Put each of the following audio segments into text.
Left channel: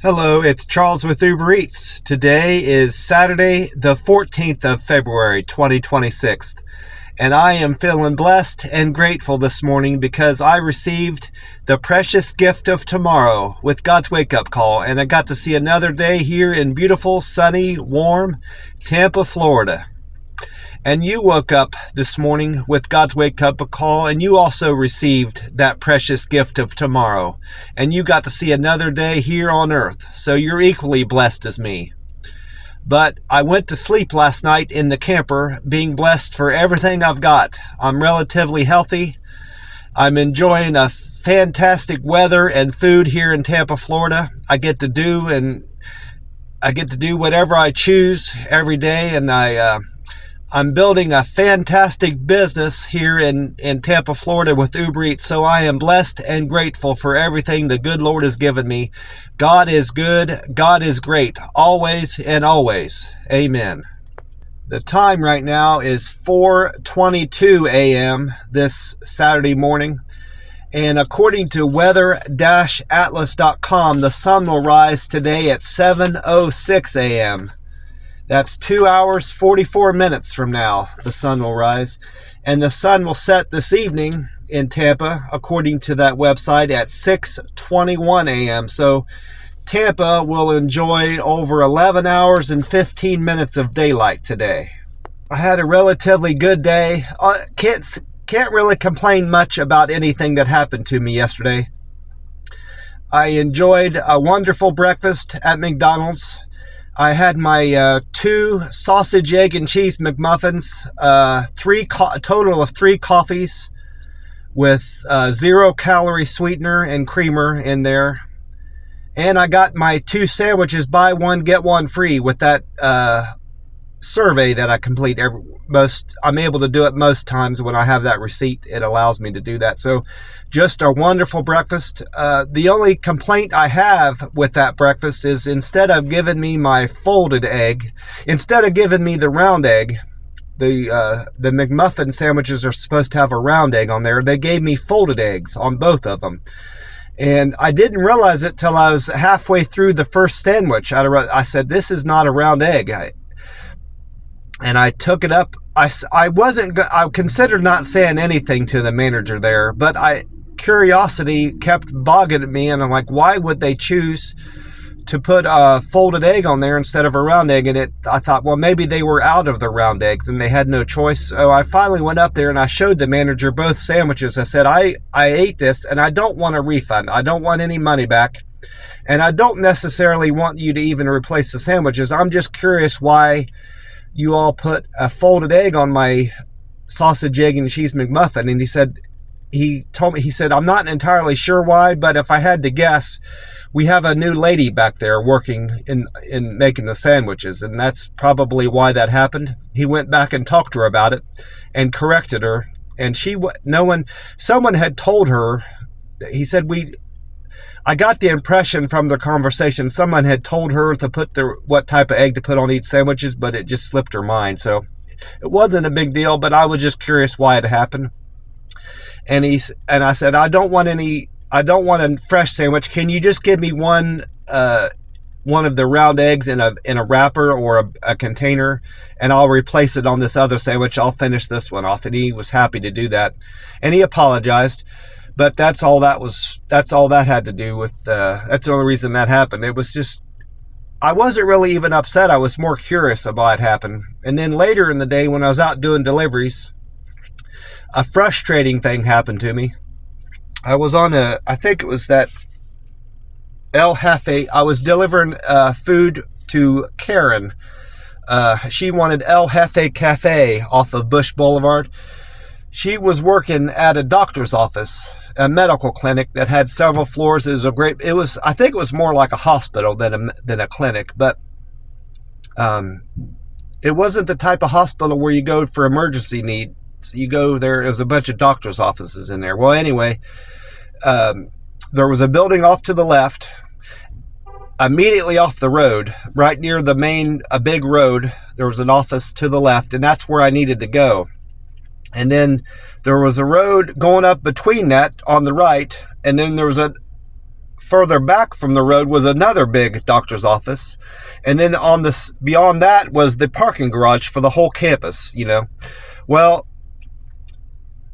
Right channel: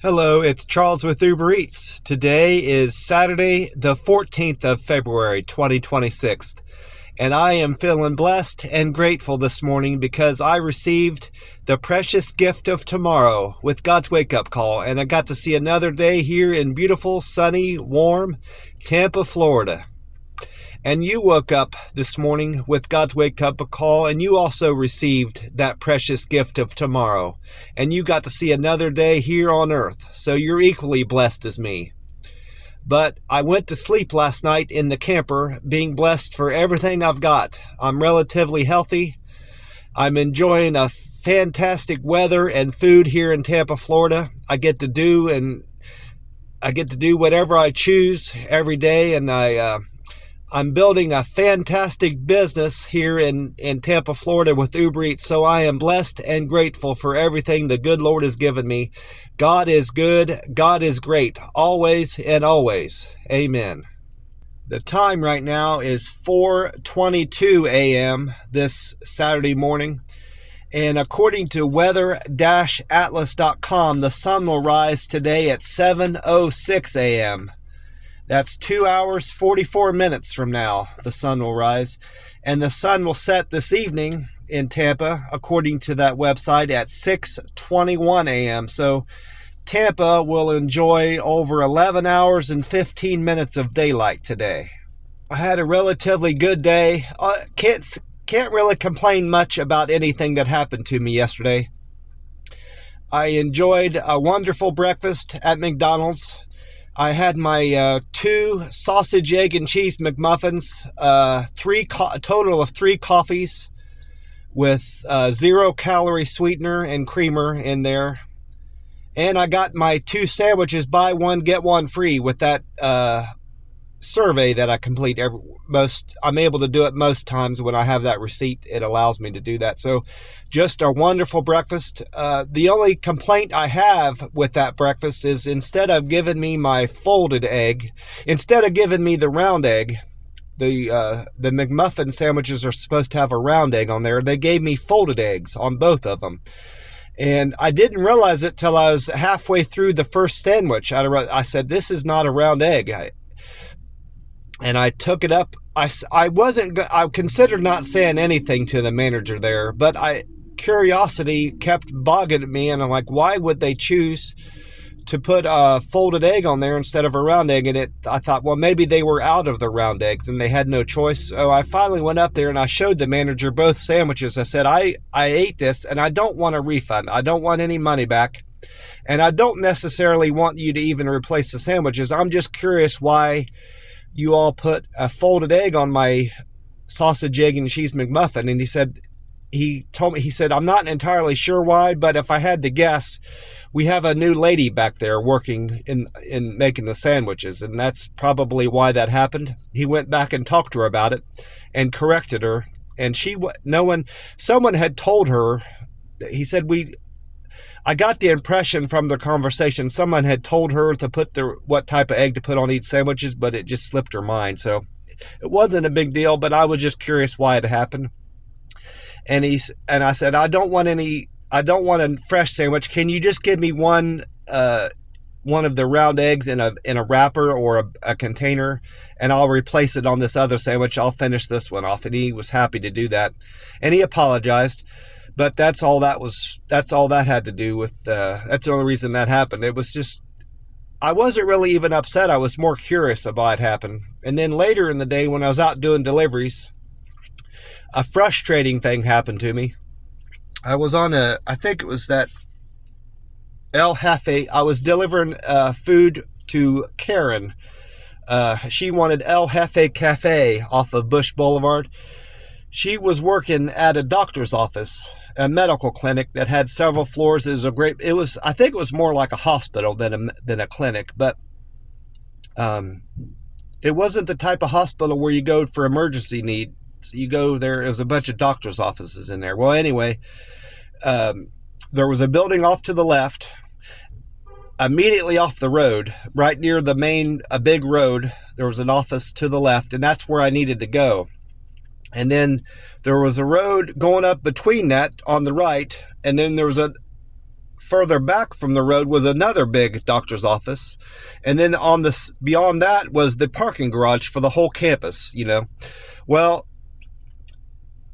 Hello, it's Charles with Uber Eats. Today is Saturday, the 14th of February, 2026. And I am feeling blessed and grateful this morning because I received the precious gift of tomorrow with God's wake-up call. And I got to see another day here in beautiful, sunny, warm Tampa, Florida. And you woke up this morning with God's wake-up call, and you also received that precious gift of tomorrow. And you got to see another day here on earth, so you're equally blessed as me. But I went to sleep last night in the camper, being blessed for everything I've got. I'm relatively healthy. I'm enjoying a fantastic weather and food here in Tampa, Florida. I get to do whatever I choose every day, and I'm building a fantastic business here in Tampa, Florida with Uber Eats, so I am blessed and grateful for everything the good Lord has given me. God is good. God is great. Always and always. Amen. The time right now is 4:22 a.m. this Saturday morning, and according to weather-atlas.com, the sun will rise today at 7:06 a.m. That's 2 hours, 44 minutes from now, the sun will rise. And the sun will set this evening in Tampa, according to that website, at 6:21 a.m. So Tampa will enjoy over 11 hours and 15 minutes of daylight today. I had a relatively good day. Can't really complain much about anything that happened to me yesterday. I enjoyed a wonderful breakfast at McDonald's. I had my 2 sausage, egg, and cheese McMuffins, a total of 3 coffees with 0-calorie sweetener and creamer in there. And I got my 2 sandwiches, buy one, get one free, with that survey that I complete I'm able to do it most times when I have that receipt. It allows me to do that. So just a wonderful breakfast. The only complaint I have with that breakfast is instead of giving me my folded egg, instead of giving me the round egg, the McMuffin sandwiches are supposed to have a round egg on there. They gave me folded eggs on both of them. And I didn't realize it till I was halfway through the first sandwich. I said, this is not a round egg. And I took it up. I considered not saying anything to the manager there, but curiosity kept bogging at me, and I'm like, why would they choose to put a folded egg on there instead of a round egg? And I thought, well, maybe they were out of the round eggs and they had no choice. So I finally went up there and I showed the manager both sandwiches. I said, I ate this and I don't want a refund. I don't want any money back. And I don't necessarily want you to even replace the sandwiches. I'm just curious why you all put a folded egg on my sausage, egg, and cheese McMuffin. And he told me, I'm not entirely sure why, but if I had to guess, we have a new lady back there working in making the sandwiches, and that's probably why that happened. He went back and talked to her about it and corrected her, and someone had told her. He said, I got the impression from the conversation someone had told her to put what type of egg to put on each sandwiches, but it just slipped her mind. So it wasn't a big deal, but I was just curious why it happened. And I said, I don't want a fresh sandwich. Can you just give me one of the round eggs in a wrapper or a container, and I'll replace it on this other sandwich. I'll finish this one off. And he was happy to do that, and he apologized. But that's all that had to do with, that's the only reason that happened. It was just, I wasn't really even upset. I was more curious about what happened. And then later in the day when I was out doing deliveries, a frustrating thing happened to me. I was on I think it was that El Jefe. I was delivering food to Karen. She wanted El Jefe Cafe off of Bush Boulevard. She was working at a doctor's office, a medical clinic that had several floors. I think it was more like a hospital than a clinic, but it wasn't the type of hospital where you go for emergency needs. You go there, it was a bunch of doctor's offices in there. Well, anyway, there was a building off to the left, immediately off the road, right near a big road. There was an office to the left, and that's where I needed to go. And then there was a road going up between that on the right, and then there was a further back from the road was another big doctor's office. And then on this, beyond that was the parking garage for the whole campus, Well,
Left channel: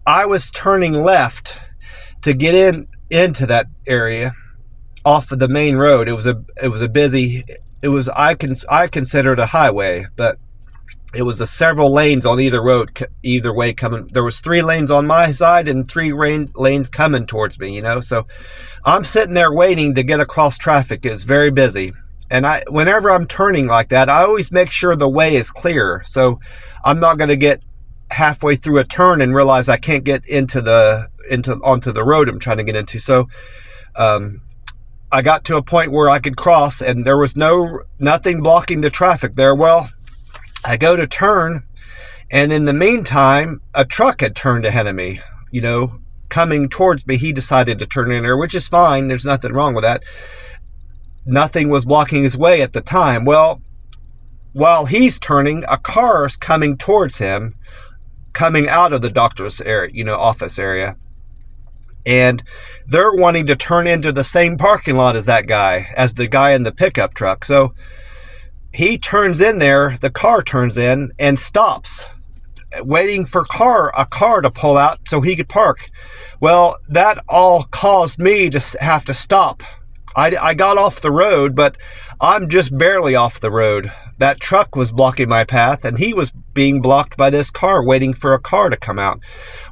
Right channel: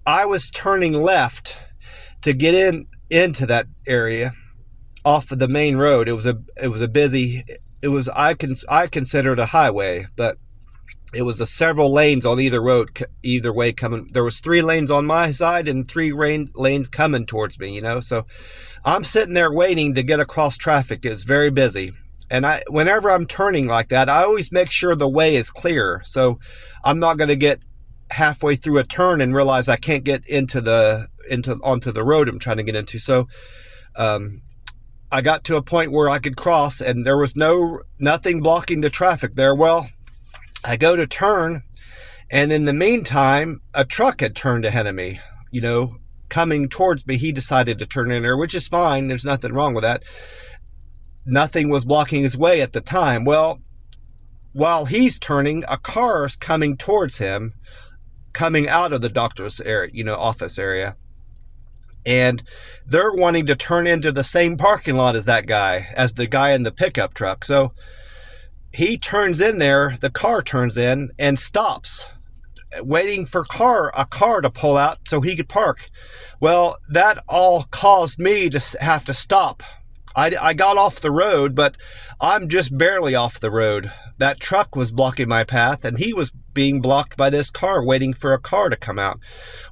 I was turning left to get into that area off of the main road. It was a busy, I consider it a highway, but it was several lanes on either way coming. There was 3 lanes on my side and 3 lanes coming towards me, So I'm sitting there waiting to get across traffic. It's very busy. And whenever I'm turning like that, I always make sure the way is clear. So I'm not going to get halfway through a turn and realize I can't get onto the road I'm trying to get into. So I got to a point where I could cross and there was nothing blocking the traffic there. Well, I go to turn, and in the meantime, a truck had turned ahead of me, coming towards me. He decided to turn in there, which is fine. There's nothing wrong with that. Nothing was blocking his way at the time. Well, while he's turning, a car's coming towards him, coming out of the doctor's area, office area. And they're wanting to turn into the same parking lot as the guy in the pickup truck. So he turns in there, the car turns in and stops, waiting for a car to pull out so he could park. Well, that all caused me to have to stop. I got off the road, but I'm just barely off the road. That truck was blocking my path, and he was being blocked by this car, waiting for a car to come out.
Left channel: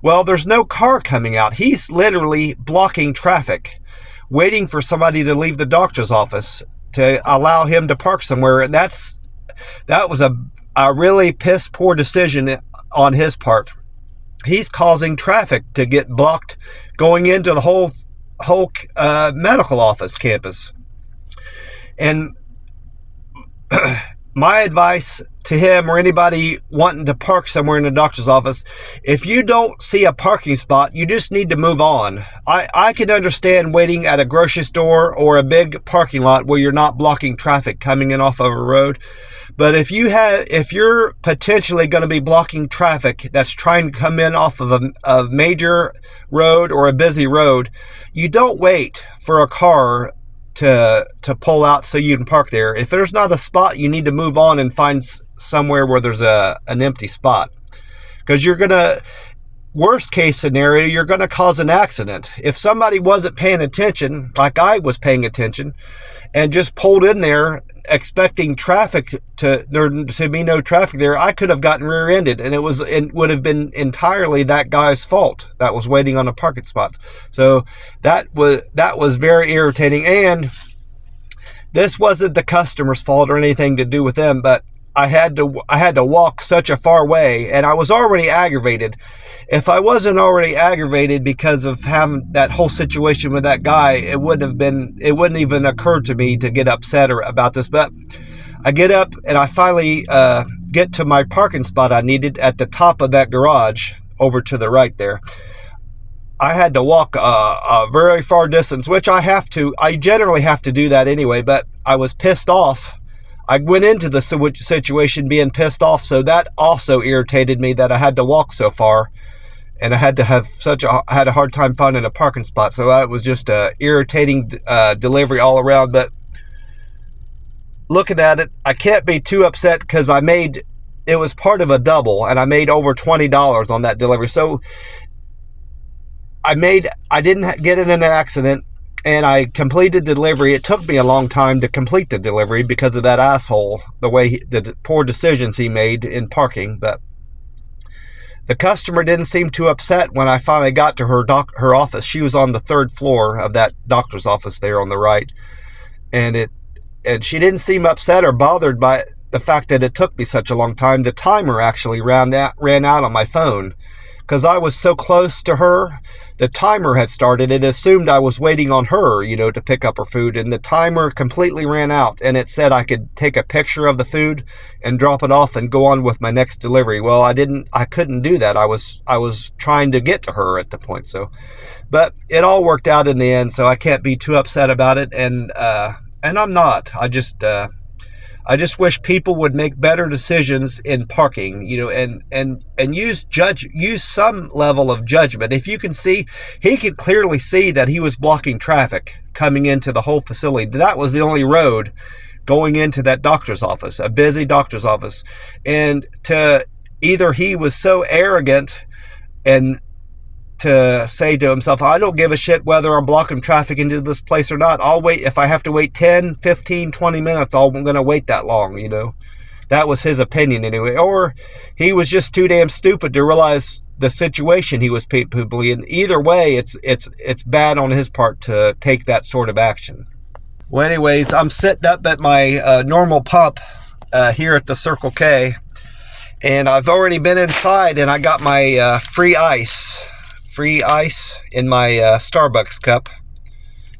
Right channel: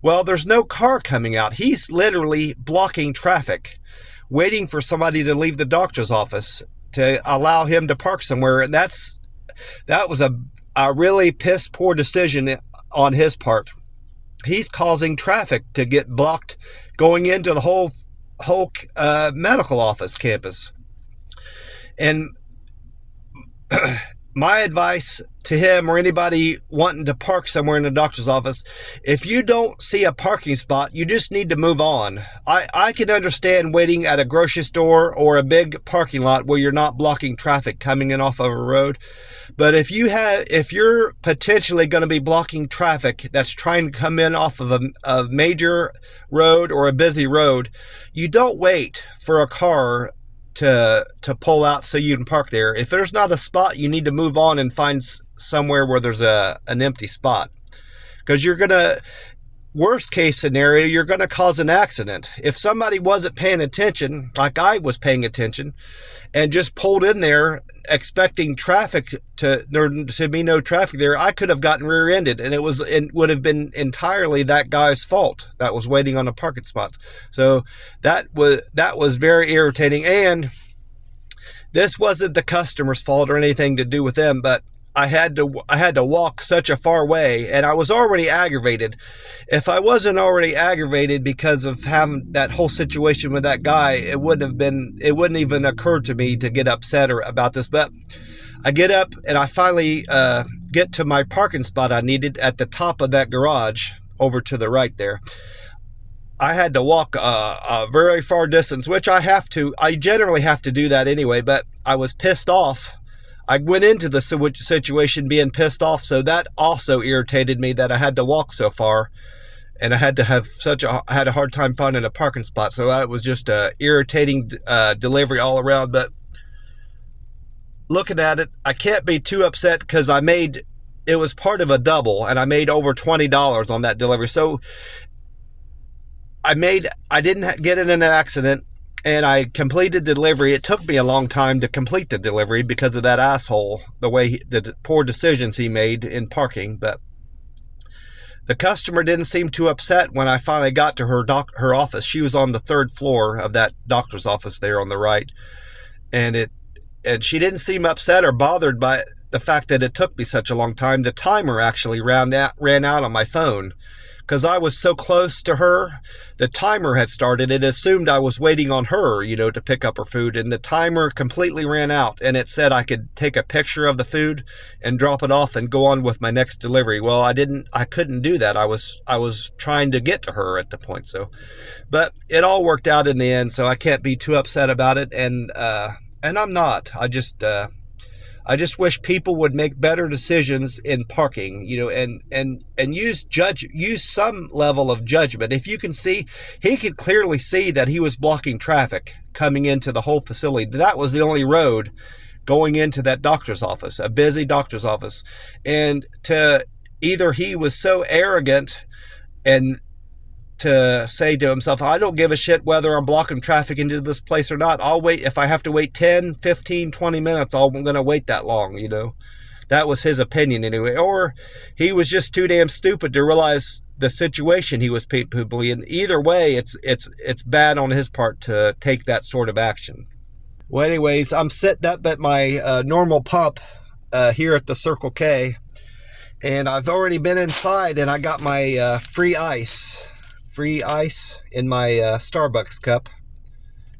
Well, there's no car coming out. He's literally blocking traffic, waiting for somebody to leave the doctor's office to allow him to park somewhere. And that was a really piss poor decision on his part. He's causing traffic to get blocked going into the whole medical office campus. And my advice to him or anybody wanting to park somewhere in the doctor's office, if you don't see a parking spot, you just need to move on. I can understand waiting at a grocery store or a big parking lot where you're not blocking traffic coming in off of a road. But if you're potentially going to be blocking traffic that's trying to come in off of a major road or a busy road, you don't wait for a car to pull out so you can park there. If there's not a spot, you need to move on and find somewhere where there's an empty spot, because worst case scenario, you're going to cause an accident. If somebody wasn't paying attention, like I was paying attention, and just pulled in there expecting there to be no traffic there, I could have gotten rear-ended, and it would have been entirely that guy's fault that was waiting on a parking spot. So that was very irritating. And this wasn't the customer's fault or anything to do with them, but I had to walk such a far way, and I was already aggravated. If I wasn't already aggravated because of having that whole situation with that guy, it wouldn't even occur to me to get upset about this. But I get up and I finally get to my parking spot I needed at the top of that garage over to the right there. I had to walk a very far distance, which I generally have to do that anyway, but I was pissed off. I went into the situation being pissed off, so that also irritated me that I had to walk so far, and I had a hard time finding a parking spot. So it was just a irritating delivery all around. But looking at it, I can't be too upset because it was part of a double, and I made over $20 on that delivery. So I didn't get in an accident, and I completed the delivery. It took me a long time to complete the delivery because of that asshole, the poor decisions he made in parking. But the customer didn't seem too upset when I finally got to her office. She was on the 3rd floor of that doctor's office there on the right, and she didn't seem upset or bothered by the fact that it took me such a long time. The timer actually ran out on my phone because I was so close to her. The timer had started. It assumed I was waiting on her, to pick up her food, and the timer completely ran out, and it said I could take a picture of the food and drop it off and go on with my next delivery. Well, I couldn't do that. I was trying to get to her at the point. So, but it all worked out in the end, so I can't be too upset about it, and I'm not. I just wish people would make better decisions in parking, you know, and use some level of judgment. If you can see, he could clearly see that he was blocking traffic coming into the whole facility. That was the only road going into that doctor's office, a busy doctor's office. And to either he was so arrogant and to say to himself, I don't give a shit whether I'm blocking traffic into this place or not. I'll wait. If I have to wait 10, 15, 20 minutes, I'm going to wait that long, you know. That was his opinion anyway. Or he was just too damn stupid to realize the situation he was probably in. Either way, it's bad on his part to take that sort of action. Well, anyways, I'm sitting up at my normal pump here at the Circle K, and I've already been inside, and I got my free ice in my Starbucks cup.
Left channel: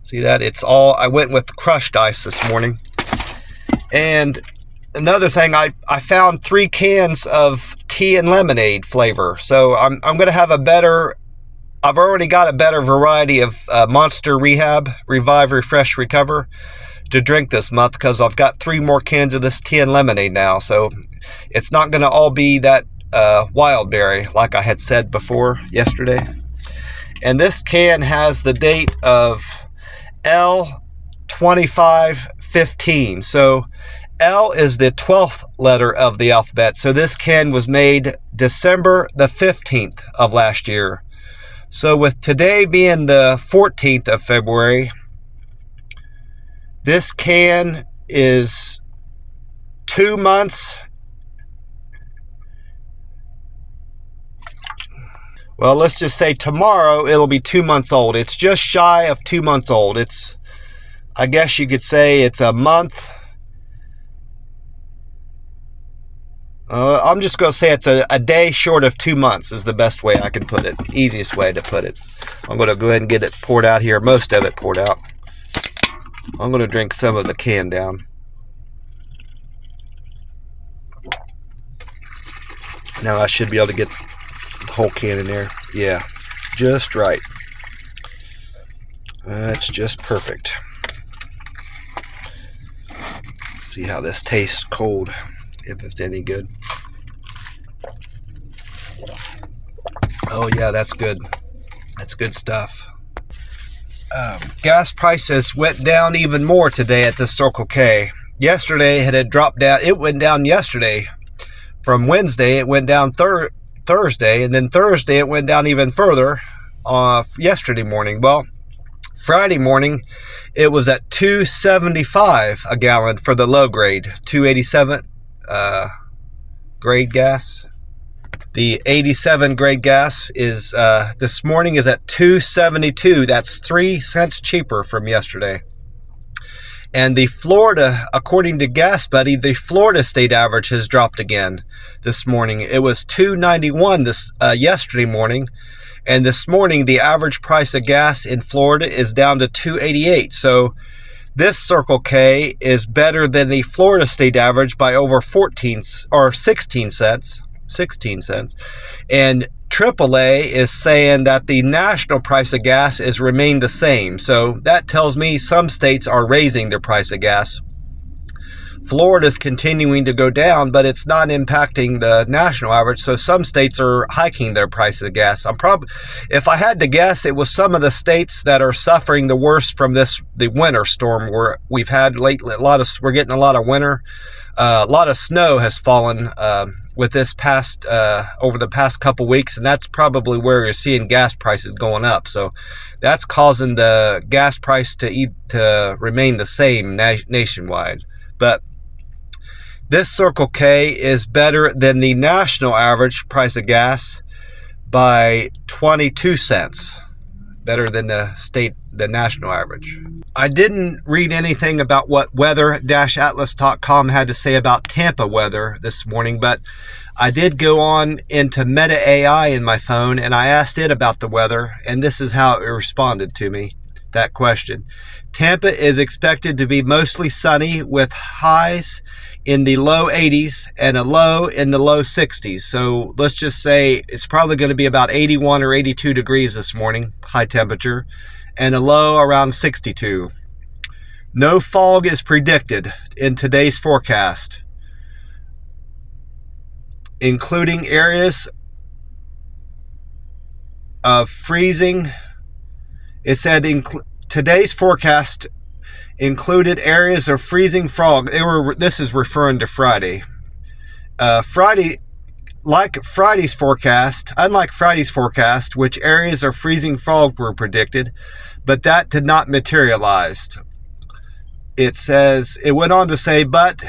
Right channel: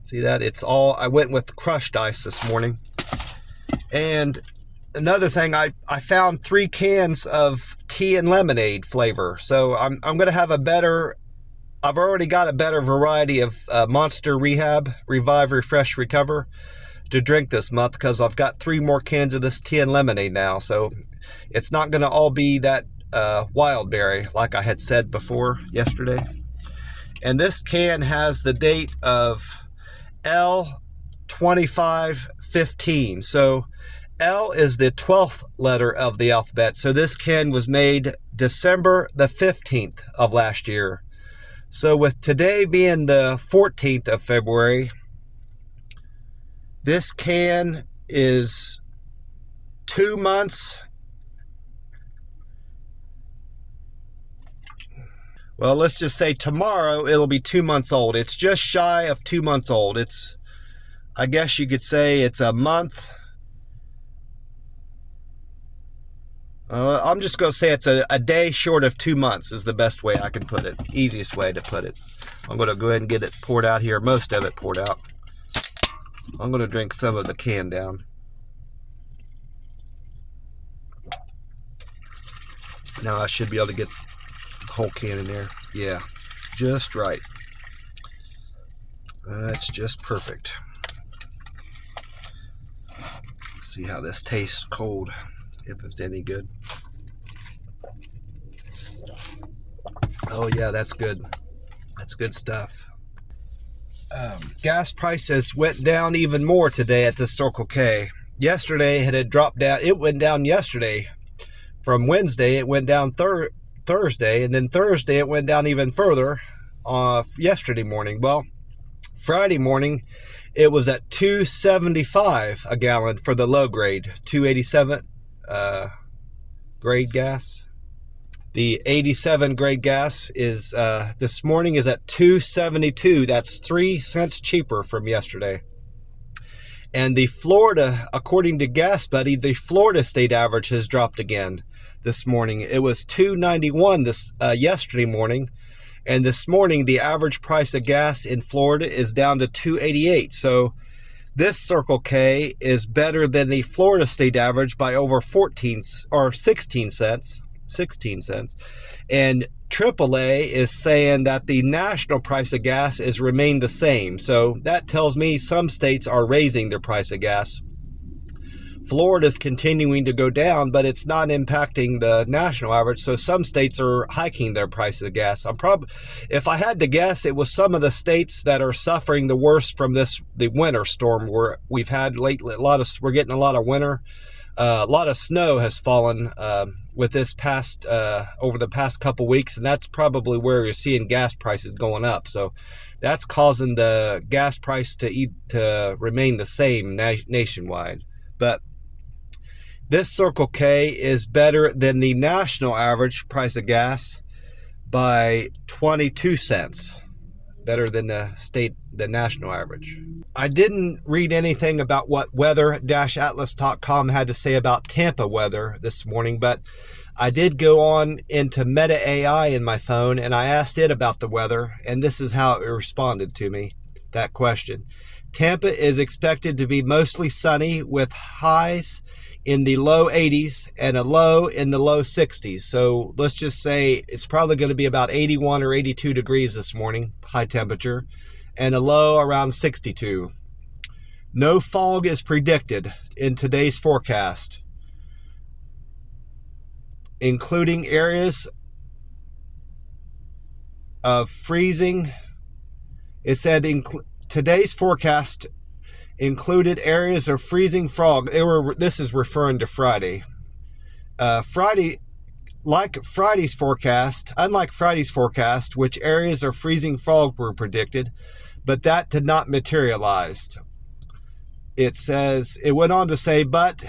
See that? I went with crushed ice this morning. And another thing, I found 3 cans of tea and lemonade flavor. So I'm going to have I've already got a better variety of Monster Rehab, Revive, Refresh, Recover to drink this month, because I've got 3 more cans of this tea and lemonade now. So it's not going to all be that wild berry like I had said before yesterday. And this can has the date of L2515. So L is the 12th letter of the alphabet. So this can was made December the 15th of last year. So with today being the 14th of February, this can is 2 months. Well, let's just say tomorrow it'll be 2 months old. It's just shy of 2 months old. I guess you could say it's a month. I'm just going to say it's a day short of 2 months is the best way I can put it. Easiest way to put it. I'm going to go ahead and get it poured out here. Most of it poured out. I'm going to drink some of the can down. Now I should be able to get the whole can in there. Yeah, just right. That's just perfect. Let's see how this tastes cold, if it's any good. Oh yeah, that's good. That's good stuff. Gas prices went down even more today at the Circle K. Yesterday it had dropped down. It went down yesterday. From Wednesday it went down Thursday, and then Thursday it went down even further yesterday morning. Well, Friday morning it was at $2.75 a gallon for the low grade, 287 grade gas. The 87 grade gas is this morning is at $2.72. That's 3 cents cheaper from yesterday. And the Florida, according to Gas Buddy, the Florida state average has dropped again this morning. It was $2.91 yesterday morning, and this morning the average price of gas in Florida is down to $2.88. So this Circle K is better than the Florida state average by over 16 cents. And AAA is saying that the national price of gas is remained the same. So that tells me some states are raising their price of gas. Florida's continuing to go down, but it's not impacting the national average. So some states are hiking their price of gas. If I had to guess, it was some of the states that are suffering the worst from the winter storm where we've had lately. We're getting a lot of winter. A lot of snow has fallen with this past over the past couple weeks, and that's probably where you're seeing gas prices going up. So that's causing the gas price to remain the same nationwide. But this Circle K is better than the national average price of gas by 22 cents. Better than the national average. I didn't read anything about what weather-atlas.com had to say about Tampa weather this morning, but I did go on into Meta AI in my phone and I asked it about the weather, and this is how it responded to me, that question. Tampa is expected to be mostly sunny with highs in the low 80s and a low in the low 60s. So let's just say it's probably going to be about 81 or 82 degrees this morning, high temperature, and a low around 62. No fog is predicted in today's forecast, including areas of freezing. It said today's forecast included areas of freezing fog. This is referring to Friday. Unlike Friday's forecast, which areas of freezing fog were predicted, but that did not materialize. It went on to say, but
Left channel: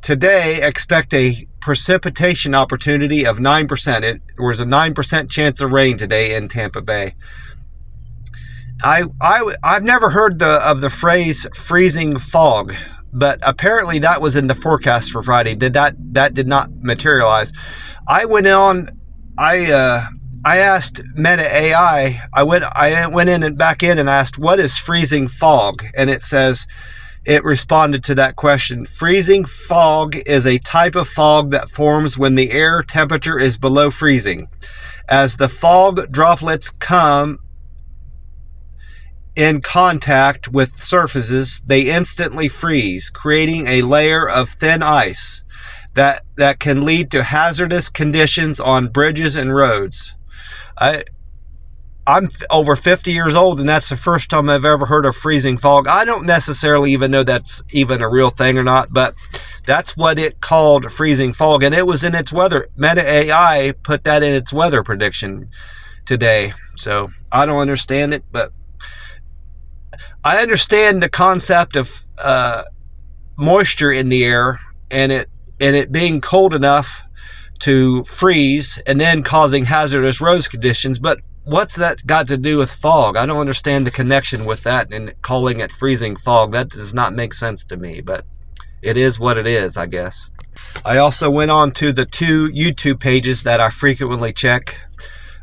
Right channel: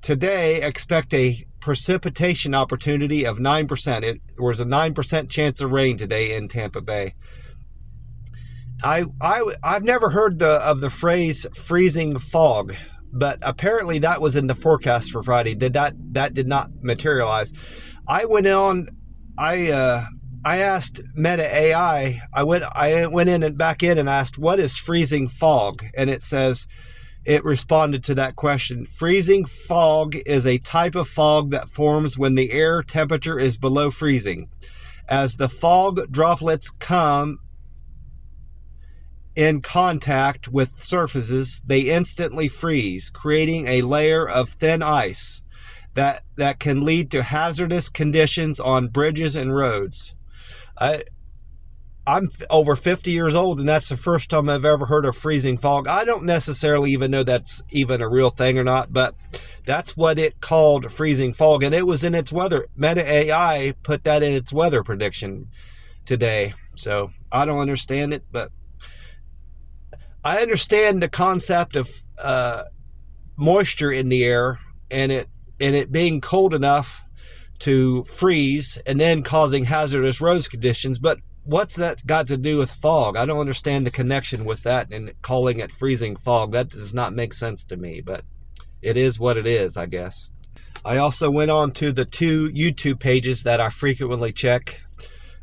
today expect a precipitation opportunity of 9%. There was a 9% chance of rain today in Tampa Bay. I've never heard of the phrase freezing fog, but apparently that was in the forecast for Friday. That did not materialize. I asked Meta AI. I went in and back in and asked, what is freezing fog? And it responded to that question. Freezing fog is a type of fog that forms when the air temperature is below freezing. As the fog droplets come in contact with surfaces, they instantly freeze, creating a layer of thin ice that can lead to hazardous conditions on bridges and roads. I'm over 50 years old, and that's the first time I've ever heard of freezing fog. I don't necessarily even know that's even a real thing or not, but that's what it called, freezing fog, and it was in its weather. Meta AI put that in its weather prediction today. So I don't understand it, but I understand the concept of moisture in the air and it being cold enough to freeze and then causing hazardous road conditions. But what's that got to do with fog? I don't understand the connection with that and calling it freezing fog. That does not make sense to me, but it is what it is, I guess. I also went on to the 2 YouTube pages that I frequently check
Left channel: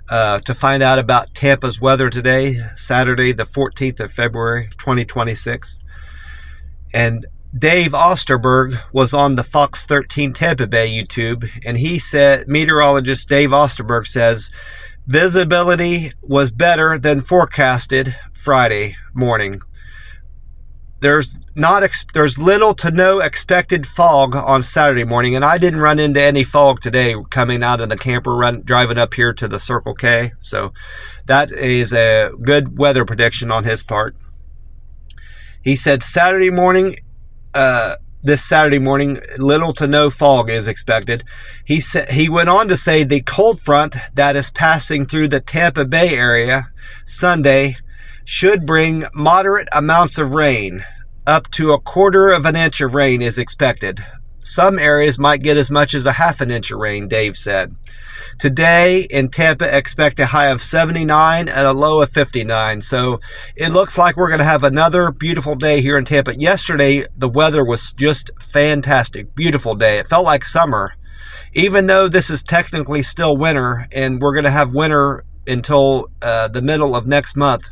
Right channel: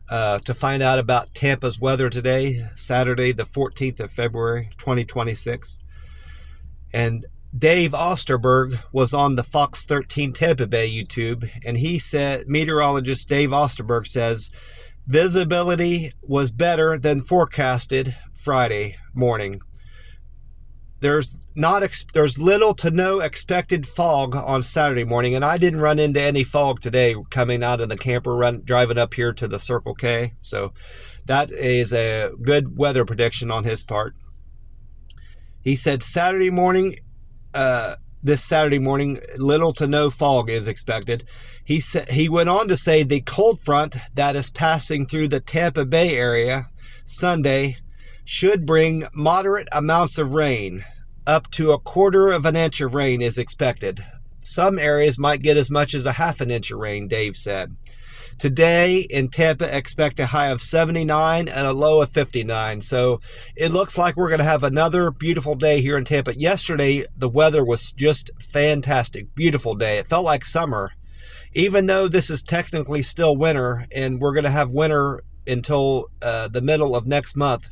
to find out about Tampa's weather today, Saturday, the 14th of February, 2026. And Dave Osterberg was on the Fox 13 Tampa Bay YouTube, and he said, meteorologist Dave Osterberg says, visibility was better than forecasted Friday morning. There's little to no expected fog on Saturday morning, and I didn't run into any fog today coming out of the camper driving up here to the Circle K. So that is a good weather prediction on his part. He said this Saturday morning, little to no fog is expected. He went on to say the cold front that is passing through the Tampa Bay area Sunday should bring moderate amounts of rain. Up to 1/4 of an inch of rain is expected. Some areas might get as much as a 1/2 inch of rain, Dave said. Today in Tampa, expect a high of 79 and a low of 59. So it looks like we're going to have another beautiful day here in Tampa. Yesterday, the weather was just fantastic. Beautiful day. It felt like summer. Even though this is technically still winter, and we're going to have winter until the middle of next month.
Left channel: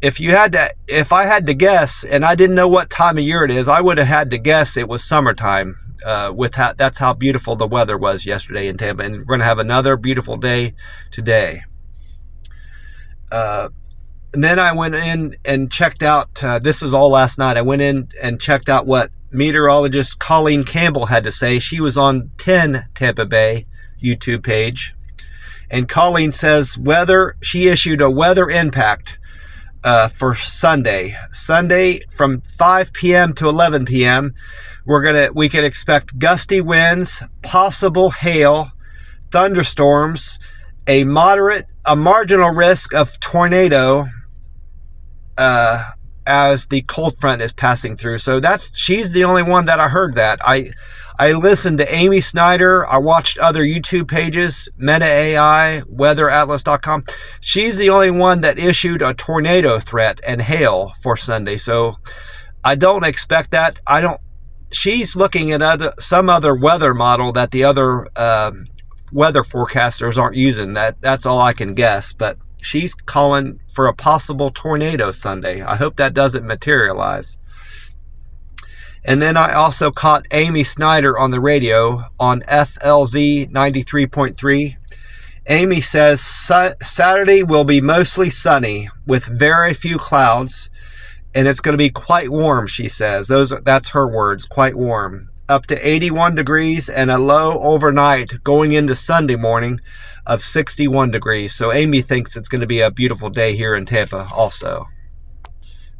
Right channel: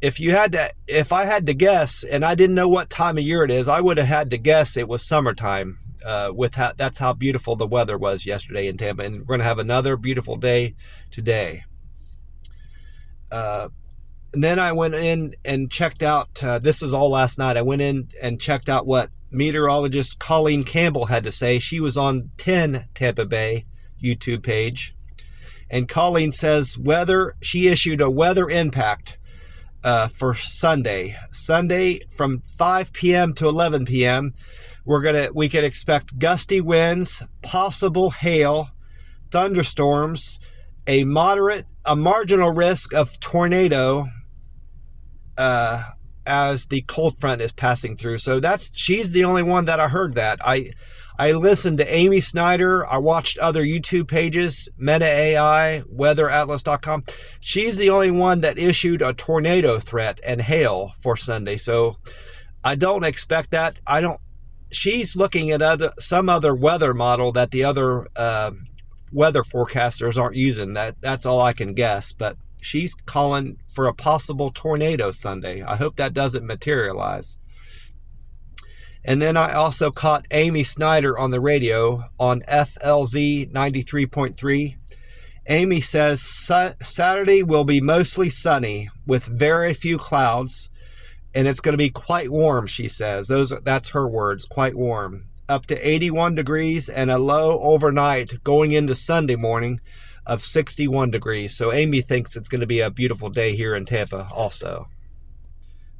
If I had to guess, and I didn't know what time of year it is, I would have had to guess it was summertime. That's how beautiful the weather was yesterday in Tampa, and we're going to have another beautiful day today. And then I went in and checked out. This is all last night. I went in and checked out what meteorologist Colleen Campbell had to say. She was on 10 Tampa Bay YouTube page, and Colleen says she issued a weather impact for Sunday from 5 p.m. to 11 p.m. we can expect gusty winds, possible hail, thunderstorms, a marginal risk of tornado as the cold front is passing through. So she's the only one that I heard that. I listened to Amy Snyder. I watched other YouTube pages, Meta AI, weatheratlas.com. She's the only one that issued a tornado threat and hail for Sunday. So I don't expect that. She's looking at some other weather model that the other weather forecasters aren't using. That's all I can guess. But she's calling for a possible tornado Sunday. I hope that doesn't materialize. And then I also caught Amy Snyder on the radio on FLZ 93.3. Amy says Saturday will be mostly sunny with very few clouds and it's going to be quite warm, she says. That's her words, quite warm. Up to 81 degrees and a low overnight going into Sunday morning of 61 degrees. So Amy thinks it's going to be a beautiful day here in Tampa also.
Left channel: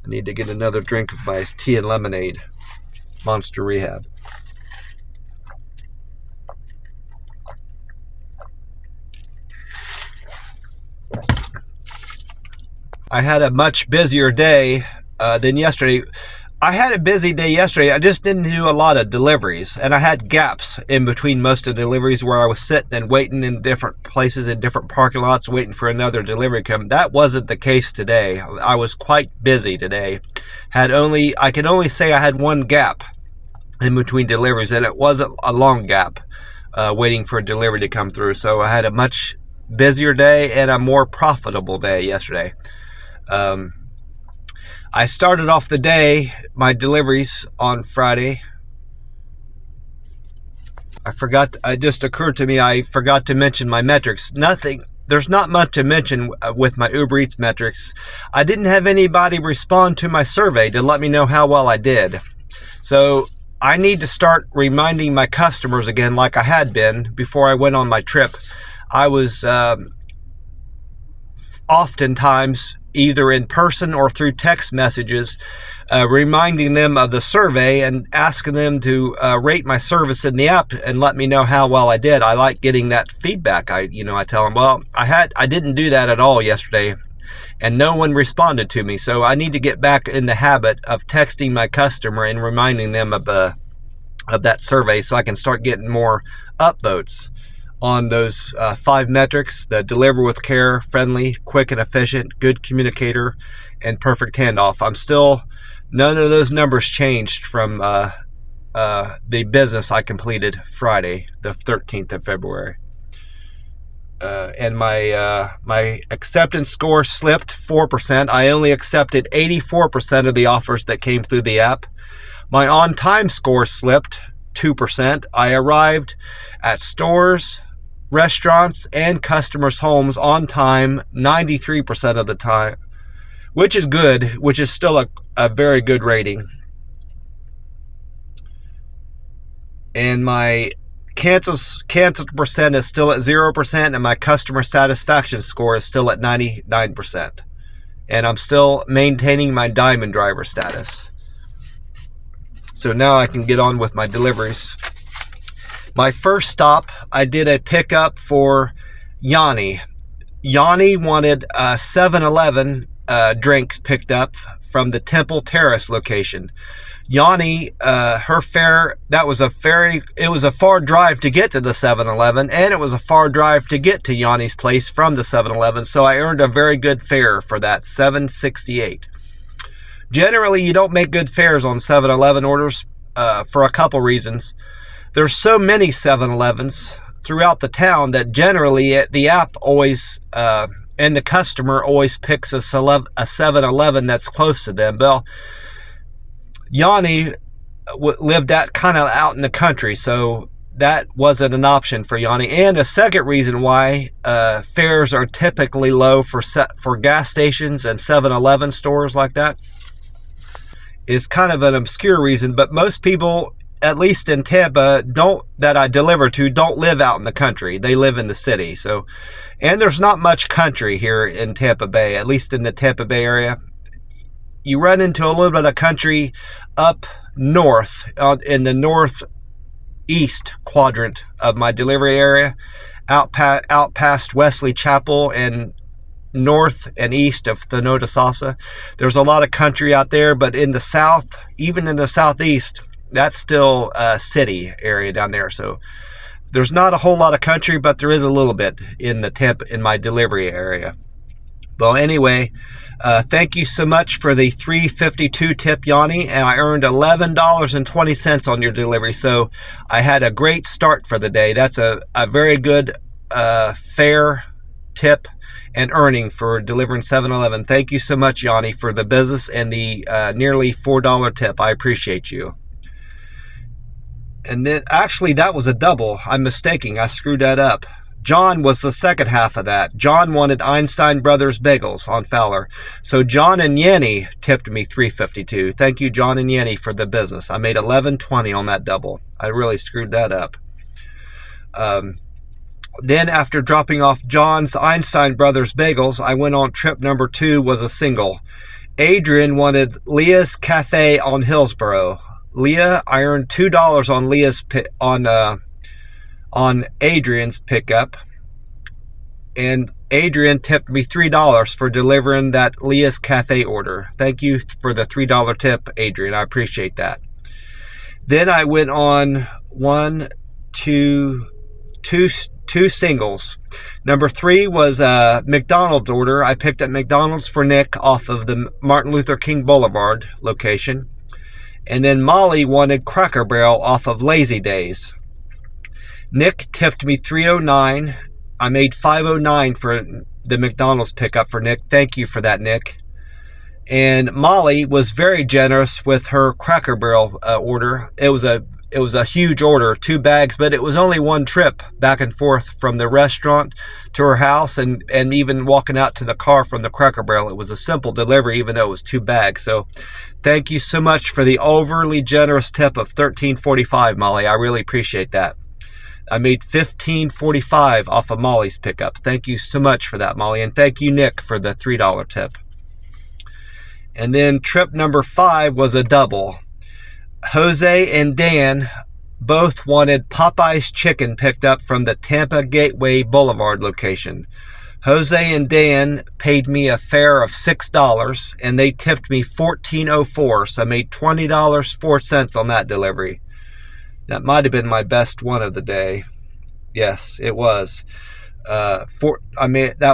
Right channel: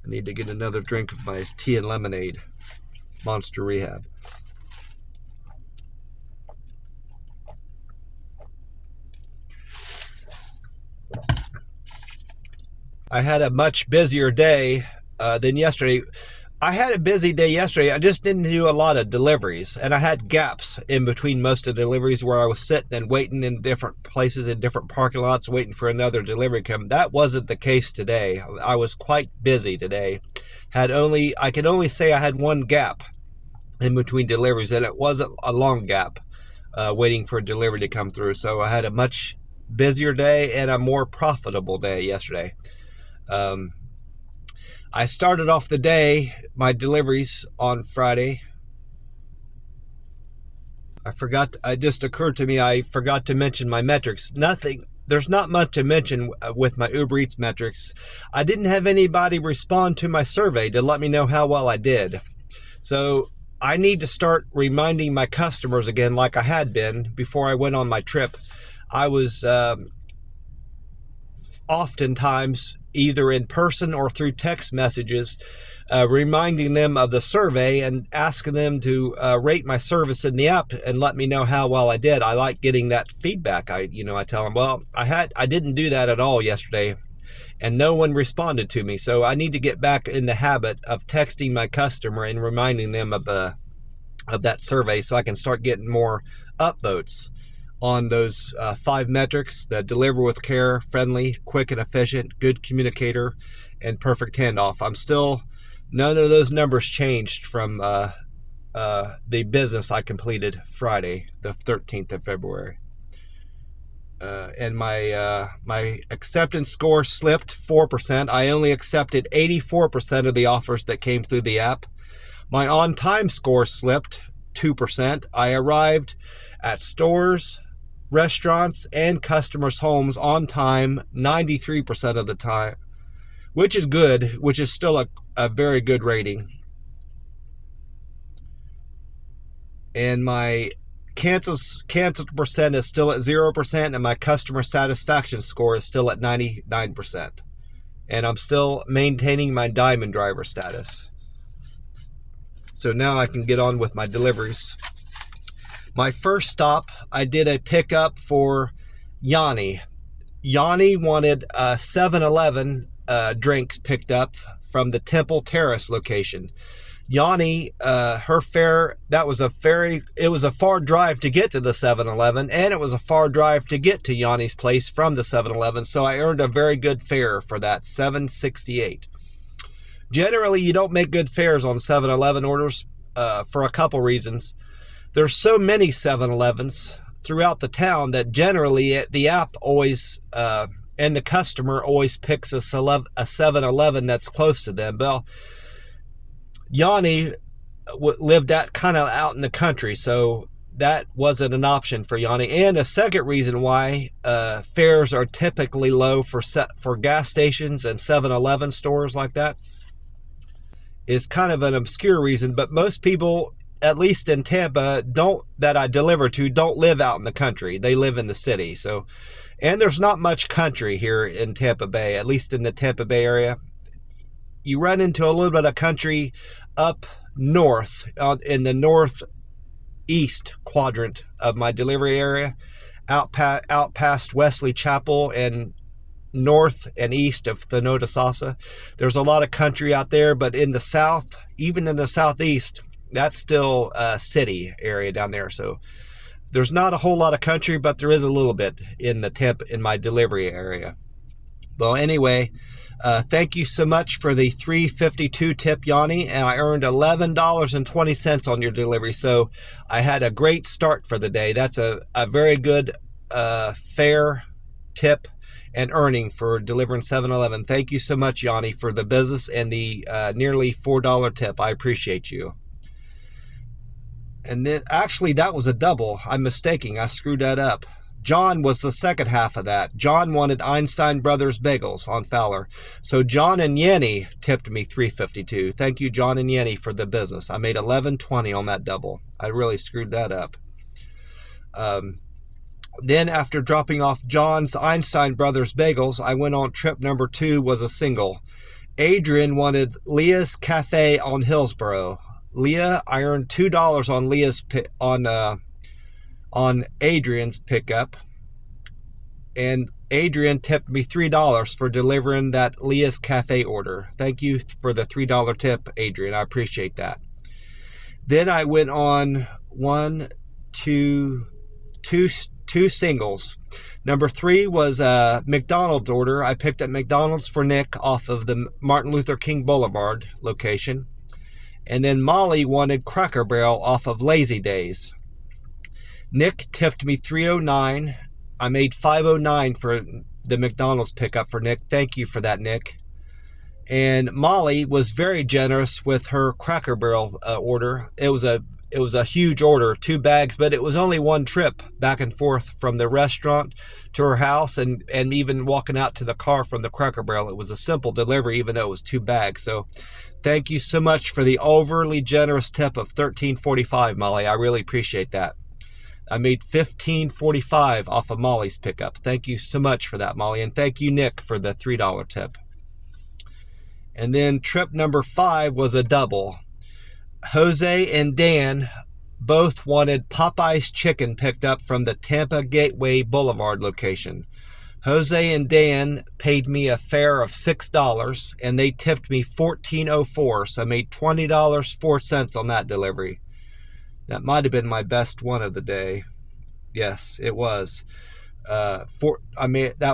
I need to get another drink of my tea and lemonade, Monster Rehab. I had a much busier day than yesterday. I had a busy day yesterday. I just didn't do a lot of deliveries, and I had gaps in between most of the deliveries where I was sitting and waiting in different places in different parking lots waiting for another delivery to come. That wasn't the case today. I was quite busy today. I could only say I had one gap in between deliveries, and it wasn't a long gap waiting for a delivery to come through. So I had a much busier day and a more profitable day yesterday. I started off the day, my deliveries on Friday. It just occurred to me, I forgot to mention my metrics. There's not much to mention with my Uber Eats metrics. I didn't have anybody respond to my survey to let me know how well I did. So I need to start reminding my customers again, like I had been before I went on my trip. I was oftentimes either in person or through text messages, reminding them of the survey and asking them to rate my service in the app and let me know how well I did. I like getting that feedback. I tell them, well, I didn't do that at all yesterday, and no one responded to me. So I need to get back in the habit of texting my customer and reminding them of that survey so I can start getting more upvotes on those 5 metrics: the deliver with care, friendly, quick and efficient, good communicator, and perfect handoff. None of those numbers changed from the business I completed Friday, the 13th of February. And my acceptance score slipped 4%. I only accepted 84% of the offers that came through the app. My on-time score slipped 2%. I arrived at stores, restaurants, and customers' homes on time 93% of the time, which is good, which is still a very good rating. And my canceled percent is still at 0%, and my customer satisfaction score is still at 99%. And I'm still maintaining my diamond driver status. So now I can get on with my deliveries. My first stop, I did a pickup for Yanni. Yanni wanted 7-Eleven drinks picked up from the Temple Terrace location. Yanni, her fare, it was a far drive to get to the 7-Eleven, and it was a far drive to get to Yanni's place from the 7-Eleven, so I earned a very good fare for that, $7.68. Generally, you don't make good fares on 7-Eleven orders for a couple reasons. There's so many 7-Elevens throughout the town that generally the app always and the customer always picks a 7-Eleven that's close to them. Well, Yanni lived kind of out in the country, so that wasn't an option for Yanni. And a second reason why fares are typically low for gas stations and 7-Eleven stores like that is kind of an obscure reason, but most people, at least in Tampa, that I deliver to, don't live out in the country. They live in the city. So, and there's not much country here in Tampa Bay, at least in the Tampa Bay area. You run into a little bit of country up north, in the northeast quadrant of my delivery area, out past Wesley Chapel and north and east of Thanota Salsa. There's a lot of country out there, but in the south, even in the southeast, that's still a city area down there. So there's not a whole lot of country, but there is a little bit in my delivery area. Well, anyway, thank you so much for the $3.52 tip, Yanni, and I earned $11.20 on your delivery. So I had a great start for the day. That's a very good fair tip and earning for delivering 7-Eleven. Thank you so much, Yanni, for the business and the nearly $4 tip. I appreciate you. And then, actually, that was a double. I'm mistaking. I screwed that up. John was the second half of that. John wanted Einstein Brothers bagels on Fowler. So John and Yenny tipped me $3.52. Thank you, John and Yenny, for the business. I made $11.20 on that double. I really screwed that up. Then after dropping off John's Einstein Brothers bagels, I went on trip number 2, was a single. Adrian wanted Leah's Cafe on Hillsborough. Leah, I earned $2 on Leah's on Adrian's pickup, and Adrian tipped me $3 for delivering that Leah's Cafe order. Thank you for the $3 tip, Adrian. I appreciate that. Then I went on two singles. Number 3 was a McDonald's order. I picked up McDonald's for Nick off of the Martin Luther King Boulevard location. And then Molly wanted Cracker Barrel off of Lazy Days. Nick tipped me $3.09. I made $5.09 for the McDonald's pickup for Nick. Thank you for that, Nick. And Molly was very generous with her Cracker Barrel order. It was a huge order, 2 bags, but it was only one trip back and forth from the restaurant to her house, and even walking out to the car from the Cracker Barrel. It was a simple delivery, even though it was 2 bags. So thank you so much for the overly generous tip of $13.45, Molly. I really appreciate that. I made $15.45 off of Molly's pickup. Thank you so much for that, Molly. And thank you, Nick, for the $3 tip. And then trip number 5 was a double. Jose and Dan both wanted Popeye's chicken picked up from the Tampa Gateway Boulevard location. Jose and Dan paid me a fare of $6, and they tipped me $14.04, so I made $20.04 on that delivery. That might have been my best one of the day. Yes, it was. That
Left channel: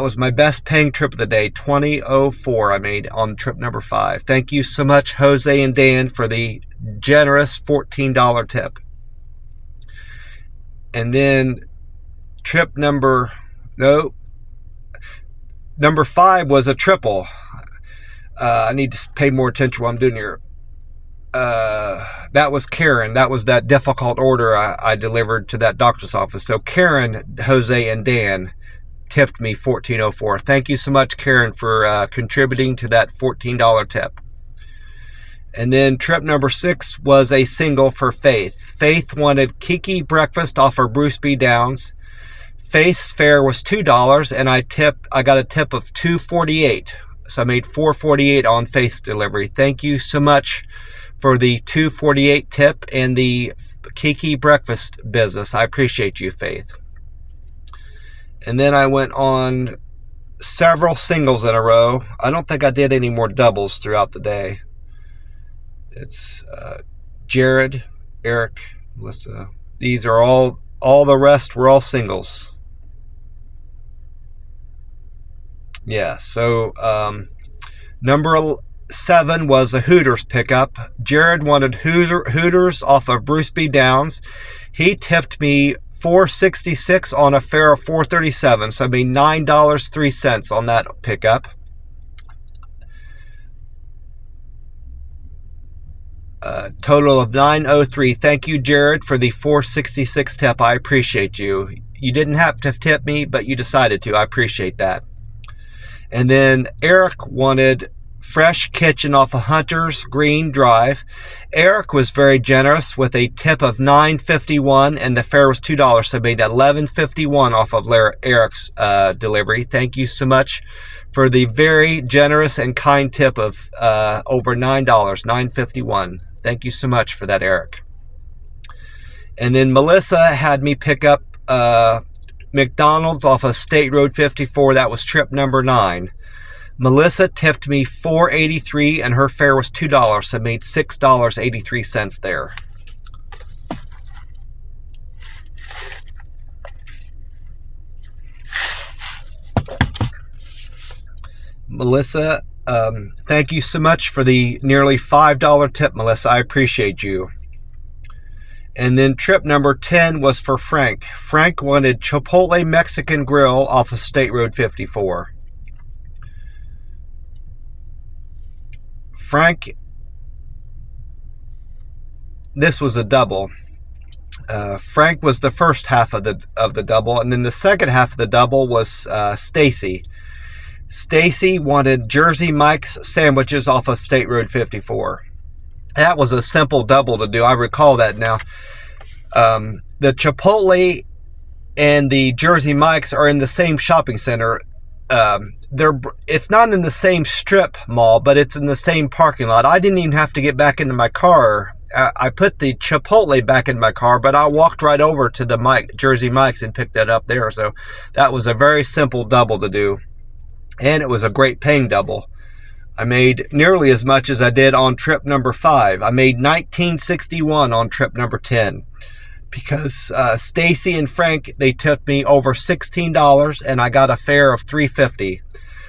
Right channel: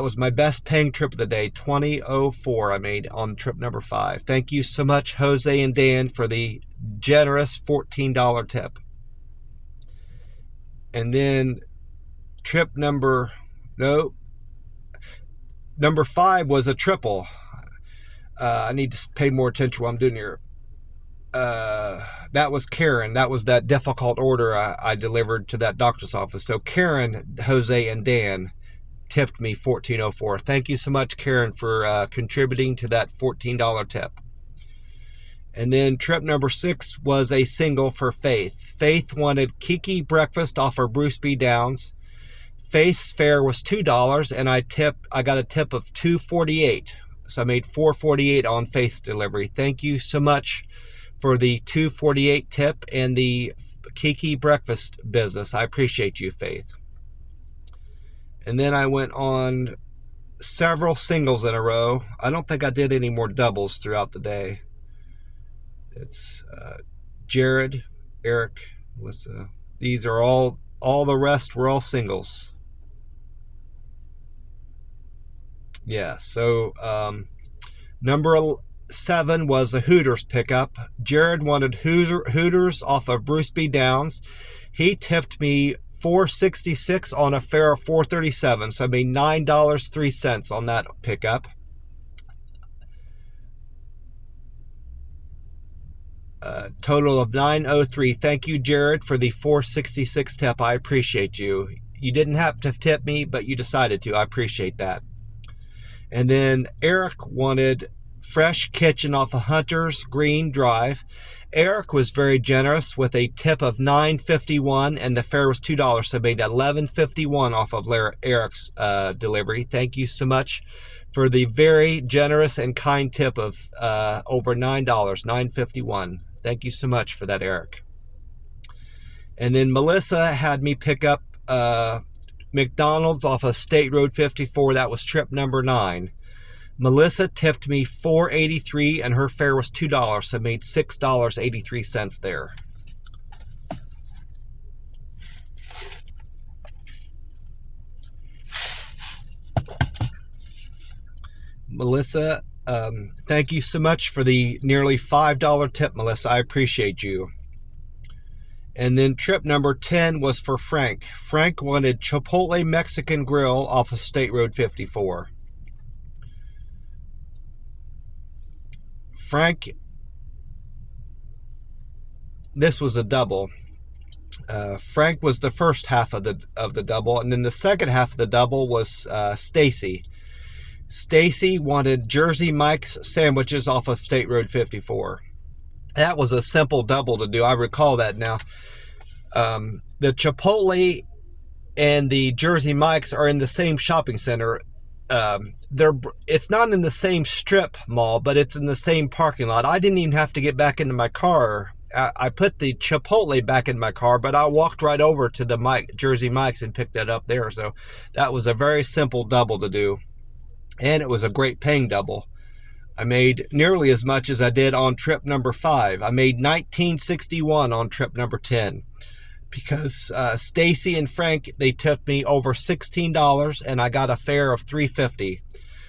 was my best paying trip of the day. $20.04 I made on trip number 5. Thank you so much, Jose and Dan, for the generous $14 tip. And then trip number 5 was a triple. I need to pay more attention to what I'm doing here. That was Karen. That was that difficult order I delivered to that doctor's office. So Karen, Jose, and Dan tipped me $14.04. Thank you so much, Karen, for contributing to that $14 tip. And then trip number 6 was a single for Faith. Faith wanted Kiki breakfast off of Bruce B. Downs. Faith's fare was $2, and I got a tip of $2.48. So I made $4.48 on Faith's delivery. Thank you so much for the $2.48 tip and the Kiki breakfast business. I appreciate you, Faith. And then I went on several singles in a row. I don't think I did any more doubles throughout the day. It's Jared, Eric, Melissa. These are all the rest were all singles. Yeah, so number 7 was a Hooters pickup. Jared wanted Hooters off of Bruce B. Downs. He tipped me $4.66 on a fare of $4.37, so I made $9.03 on that pickup. Total of $9.03. Thank you, Jared, for the $4.66 tip. I appreciate you. You didn't have to tip me, but you decided to. I appreciate that. And then Eric wanted Fresh Kitchen off of Hunter's Green Drive. Eric was very generous with a tip of $9.51, and the fare was $2, so I made $11.51 off of Eric's delivery. Thank you so much for the very generous and kind tip of over $9, $9.51. Thank you so much for that, Eric. And then Melissa had me pick up McDonald's off of State Road 54. That was trip number 9. Melissa tipped me $4.83, and her fare was $2, so I made $6.83 there. Melissa, thank you so much for the nearly $5 tip, Melissa. I appreciate you. And then trip number 10 was for Frank. Frank wanted Chipotle Mexican Grill off of State Road 54. Frank, this was a double. Frank was the first half of the double, and then the second half of the double was Stacy. Stacy wanted Jersey Mike's sandwiches off of State Road 54. That was a simple double to do. I recall that now. The Chipotle and the Jersey Mike's are in the same shopping center. It's not in the same strip mall, but it's in the same parking lot. I didn't even have to get back into my car. I put the Chipotle back in my car, but I walked right over to the Jersey Mike's and picked it up there. So that was a very simple double to do. And it was a great paying double. I made nearly as much as I did on trip number 5. I made $19.61 on trip number 10. Because Stacy and Frank, they tipped me over $16, and I got a fare of $3.50.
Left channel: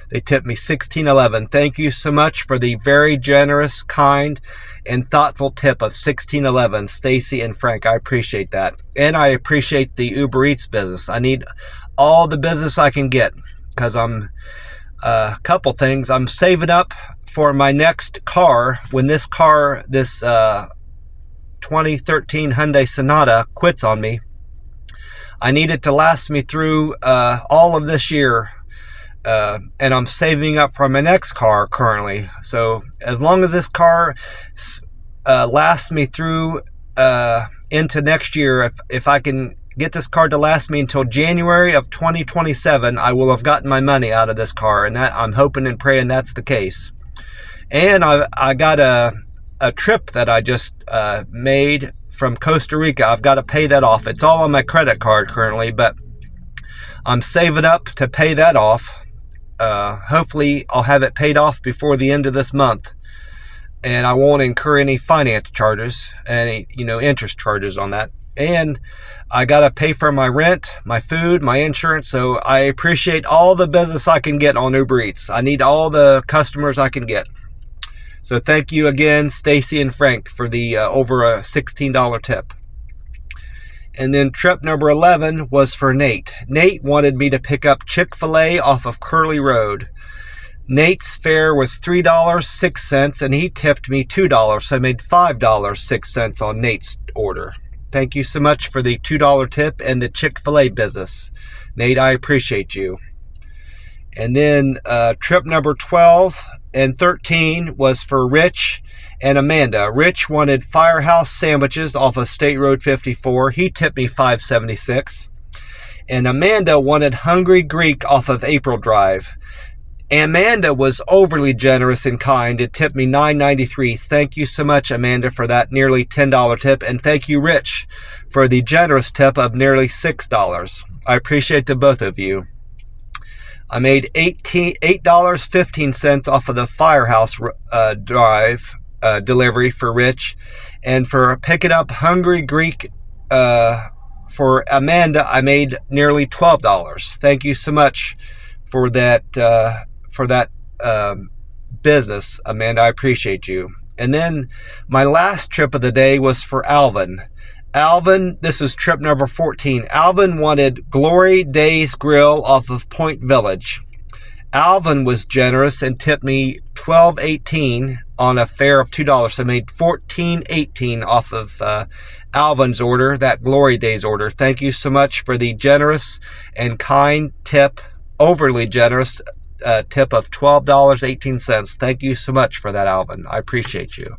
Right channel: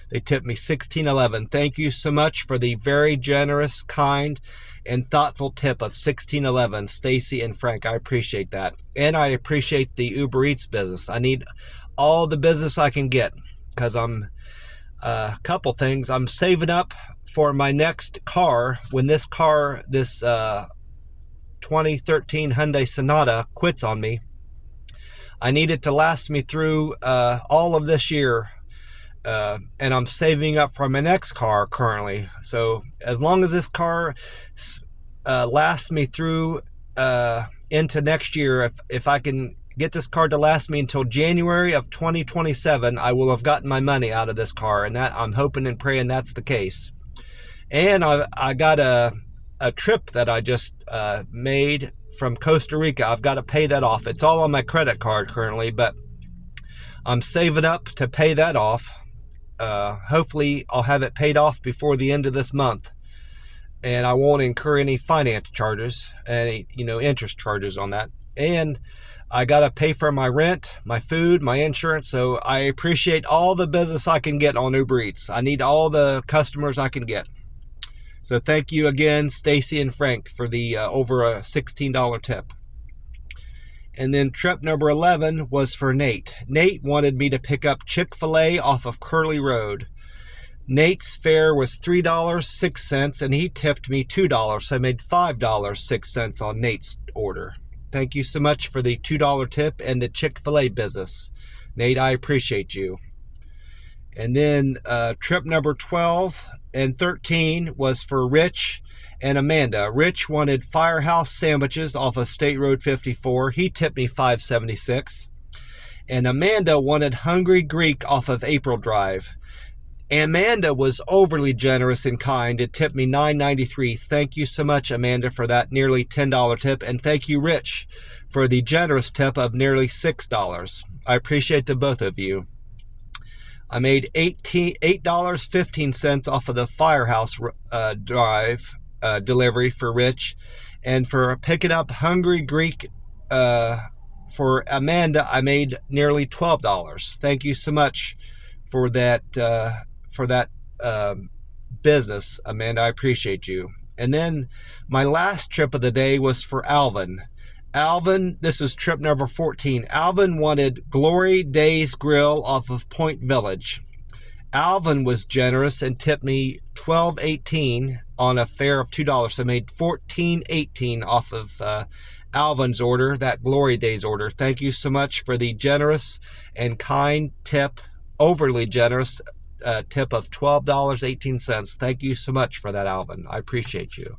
They tipped me $16.11. Thank you so much for the very generous, kind, and thoughtful tip of $16.11, Stacy and Frank. I appreciate that. And I appreciate the Uber Eats business. I need all the business I can get, because I'm a couple things. I'm saving up for my next car. When this 2013 Hyundai Sonata quits on me, I need it to last me through all of this year. And I'm saving up for my next car currently. So as long as this car lasts me through into next year, if I can get this car to last me until January of 2027, I will have gotten my money out of this car. And that, I'm hoping and praying that's the case. And I got a trip that I just made from Costa Rica. I've got to pay that off. It's all on my credit card currently, but I'm saving up to pay that off. Hopefully I'll have it paid off before the end of this month, and I won't incur any finance charges, any interest charges on that. And I got to pay for my rent, my food, my insurance. So I appreciate all the business I can get on Uber Eats. I need all the customers I can get. So thank you again, Stacy and Frank, for the over a $16 tip. And then trip number 11 was for Nate. Nate wanted me to pick up Chick-fil-A off of Curly Road. Nate's fare was $3.06, and he tipped me $2, so I made $5.06 on Nate's order. Thank you so much for the $2 tip and the Chick-fil-A business. Nate, I appreciate you. And then trip number 12 and 13 was for Rich and Amanda. Rich wanted Firehouse sandwiches off of State Road 54. He tipped me $5.76. And Amanda wanted Hungry Greek off of April Drive. Amanda was overly generous and kind. It tipped me $9.93. Thank you so much, Amanda, for that nearly $10 tip. And thank you, Rich, for the generous tip of nearly $6. I appreciate the both of you. I made $8.15 off of the Firehouse Drive delivery for Rich, and for picking up Hungry Greek for Amanda, I made nearly $12. Thank you so much for that business, Amanda. I appreciate you. And then my last trip of the day was for Alvin. Alvin, this is trip number 14. Alvin wanted Glory Days Grill off of Point Village. Alvin was generous and tipped me $12.18 on a fare of $2. So I made $14.18 off of Alvin's order, that Glory Days order. Thank you so much for the generous and kind tip, overly generous tip of $12.18. Thank you so much for that, Alvin. I appreciate you.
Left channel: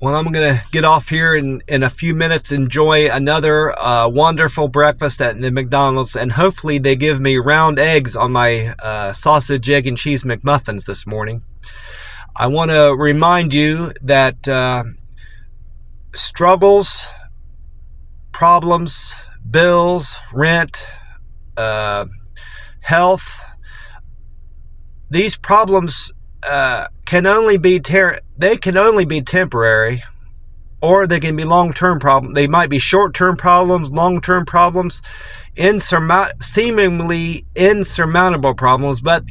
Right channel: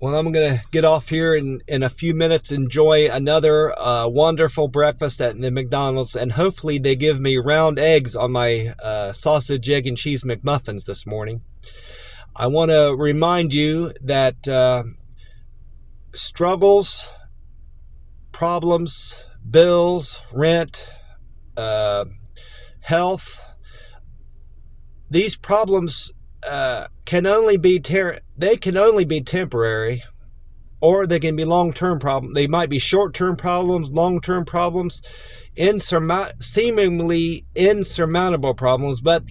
Well, I'm going to get off here in a few minutes, enjoy another wonderful breakfast at the McDonald's, and hopefully they give me round eggs on my sausage, egg, and cheese McMuffins this morning. I want to remind you that struggles, problems, bills, rent, health, these problems can only be temporary, or they can be long-term problems. They might be short-term problems, long-term problems, seemingly insurmountable problems. But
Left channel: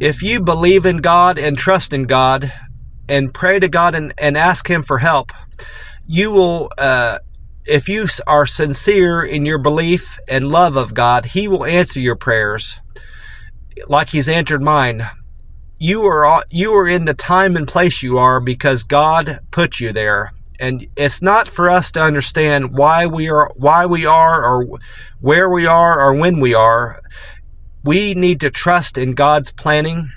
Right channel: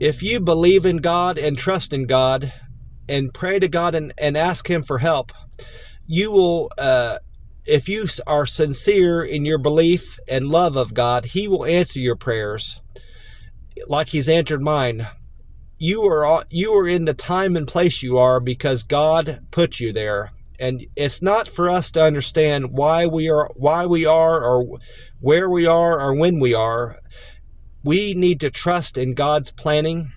if you believe in God and trust in God and pray to God and ask Him for help, you will, if you are sincere in your belief and love of God, He will answer your prayers like He's answered mine. You are in the time and place you are because God put you there, And it's not for us to understand why we are, or where we are, or when we are. We need to trust in God's planning.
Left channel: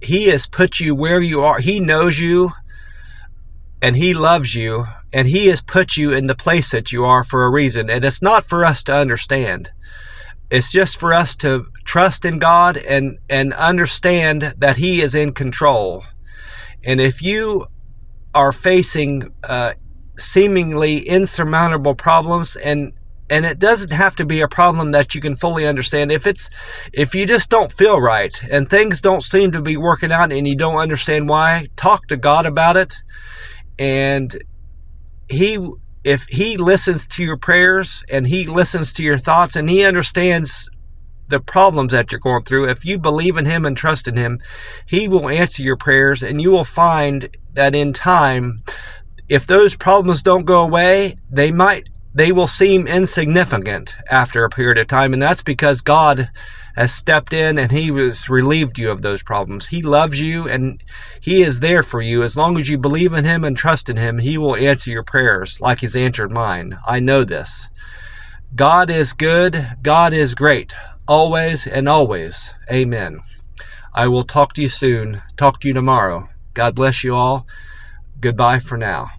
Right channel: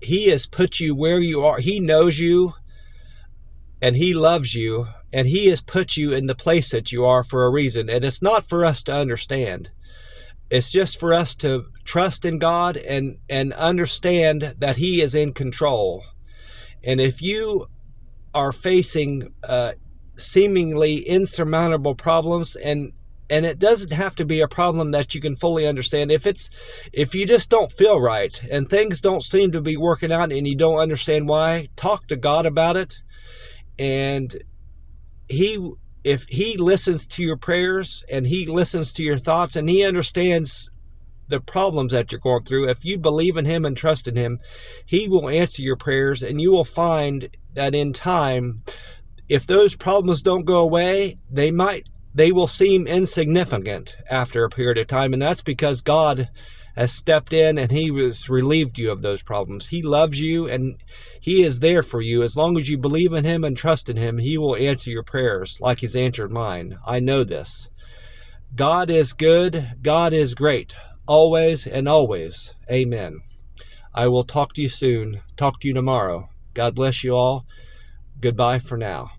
He has put you where you are. He knows you, and He loves you, and He has put you in the place that you are for a reason. And it's not for us to understand. It's just for us to trust in God and understand that He is in control. And if you are facing seemingly insurmountable problems, and it doesn't have to be a problem that you can fully understand. If you just don't feel right and things don't seem to be working out and you don't understand why, talk to God about it. And if He listens to your prayers and He listens to your thoughts and He understands the problems that you're going through, if you believe in Him and trust in Him, He will answer your prayers, and you will find that in time, if those problems don't go away, they will seem insignificant after a period of time, and that's because God has stepped in and He has relieved you of those problems. He loves you, and He is there for you. As long as you believe in Him and trust in Him, He will answer your prayers like He's answered mine. I know this. God is good. God is great. Always and always. Amen. I will talk to you soon. Talk to you tomorrow. God bless you all. Goodbye for now.